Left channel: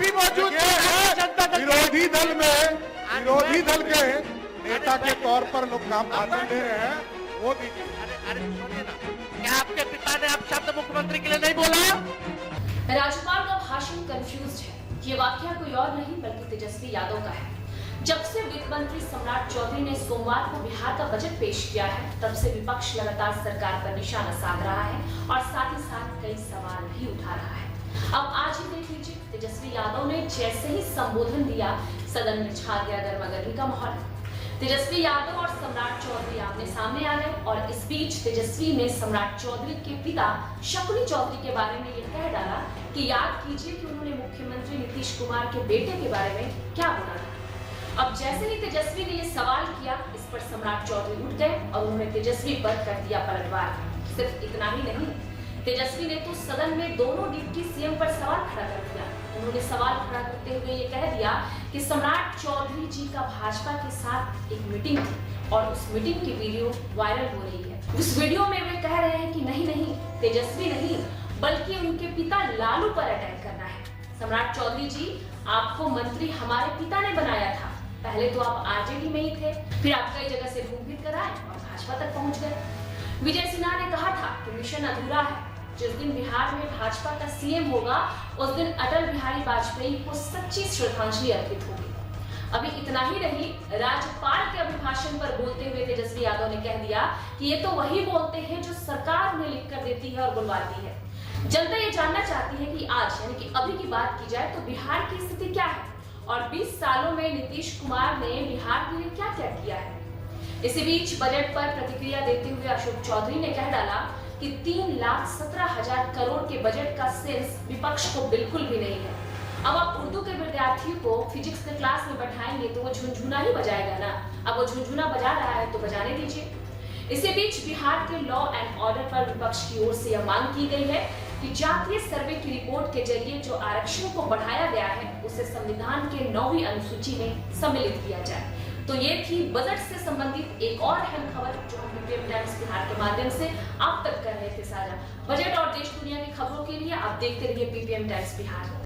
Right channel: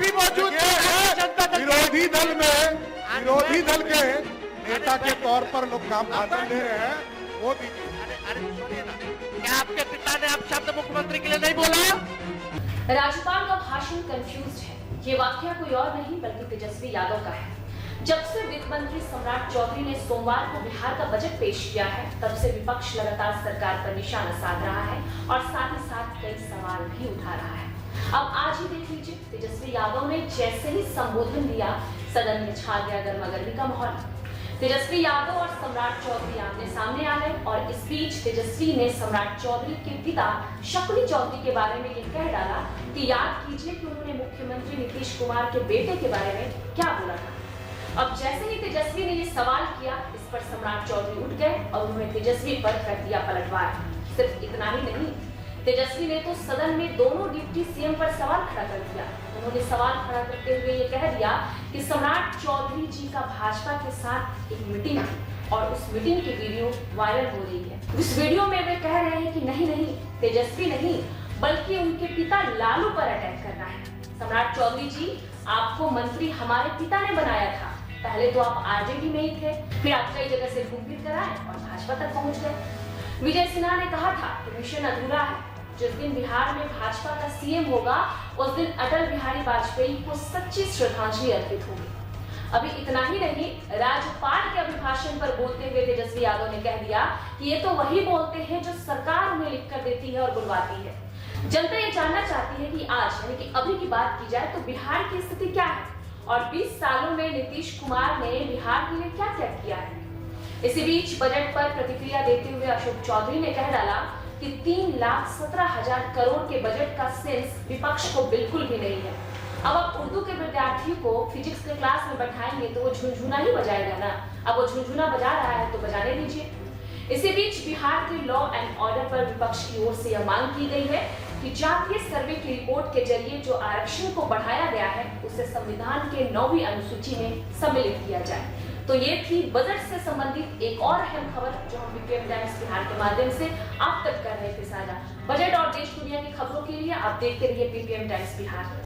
भी मौजूद है। विरोधी दल के नेता के तौर पर लोग काम भाषण दे रहे हैं, वो दीजिए। अरे सुनिए ना, क्या आपके पिता ने आप शब्द मुख्यमंत्री के लिए नहीं बोला? राज्यपाल का भाषण कंफ्यूज्ड है। ये वाकया कोई और नहीं बल्कि तेजस्वी यादव का है। जब से वित्त मंत्री सम्राट चौधरी ने सोमवार को बिहार का बजट पेश किया है, तब से विपक्ष लगातार सरकार पर निशाना साध रहा है और साथ ही साथ कई सवाल भी उठा रहा है। अब आज ही देख लीजिए, तेजस्वी यादव ने जैसे ही संबोधन दिया, सदन में छा गया गर्मागर्मी का माहौल। तेजस्वी यादव और सम्राट चौधरी आमने सामने आ गए और इस बीच तेजस्वी ने सम्राट चौधरी के पिता शकुनी चौधरी के बारे में ये कह डाला कि याद कीजिए कि उन्होंने मुख्यमंत्री नीतीश कुमार के बेटे के बारे में क्या बोला था। अब जैसे ही तेजस्वी ने ये सवाल किया, इस पर सम्राट चौधरी उठ गए और उन्होंने तेजस्वी पर कर दिया पलटवार। सिर्फ इतना ही नहीं, तेजस्वी ने तो सदन में दोनों डिप्टी सीएम पर सवाल खड़ा कर दिया। उन्होंने सवाल खड़ा करते हुए ये कह दिया कि सम्राट चौधरी जी का भाजपा के साथ एक मीटिंग है और उस मीटिंग की वीडियो वायरल हो रही है। उस वीडियो में वे कह रहे हैं कि नहीं, तेजस्वी नहीं बल्कि उनके पिता लालू पर अटैक करना है। सम्राट चौधरी जी, आपको मंत्री हमारे पिता ने बनाया था। पहले तो आप आरजेडी में ही थे, फिर आप कई जगह से घूम फिर कर आए और भाजपा तक पहुंच गए। विजय सिन्हा ने कहा था कि मिशन अधूरा है। जिस दिन बिहार में भाजपा का सीएम होगा, उस दिन अटल बिहारी वाजपेयी को सच्ची श्रद्धांजलि अर्पित होगी। अभी इतना ही नहीं, राज्यपाल के अभिभाषण पर बोलते हुए तेजस्वी यादव ने कह दिया कि ये तो वही बोलते हैं जो सरकार उन्हें लिख कर देती है और बुलवाती है। जनता ये जानना चाहती है कि आज यानी कि अभी की बात की जाए तो बिहार की स्थिति क्या है और 20 सालों में नीतीश कुमार ने बिहार के लिए क्या क्या किया है। इसी बीच बजट पर प्रतिक्रिया देते हुए अशोक चौधरी ने कह डाला कि 3,17,000 करोड़ के बजट का सेंस विपक्ष को बिल्कुल भी नहीं है। अब आप उर्दू के विद्यार्थियों को फिजिक्स के क्लास में बैठाएंगे तो वो झुनझुना ही बजाएगा ना। अब वो झुनझुना बजा रहा है तो बजाने दीजिए। इसी बीच बिहार के लॉ एंड ऑर्डर पर विपक्ष की ओर से यह मांग की गई है कि जातीय सर्वे की रिपोर्ट के जरिए जो आरक्षण को बढ़ाया गया है उसे संविधान के 9वीं अनुसूची में सम्मिलित किया जाए। तो ये थी बजट से संबंधित एक और अहम खबर जो हम पीपीएम टाइम्स बिहार के माध्यम से आप तक कर रहे थे साझा। बजट और देश दुनिया की खबरों के लिए आप देखते रहिए पीपीएम टाइम्स बिहार।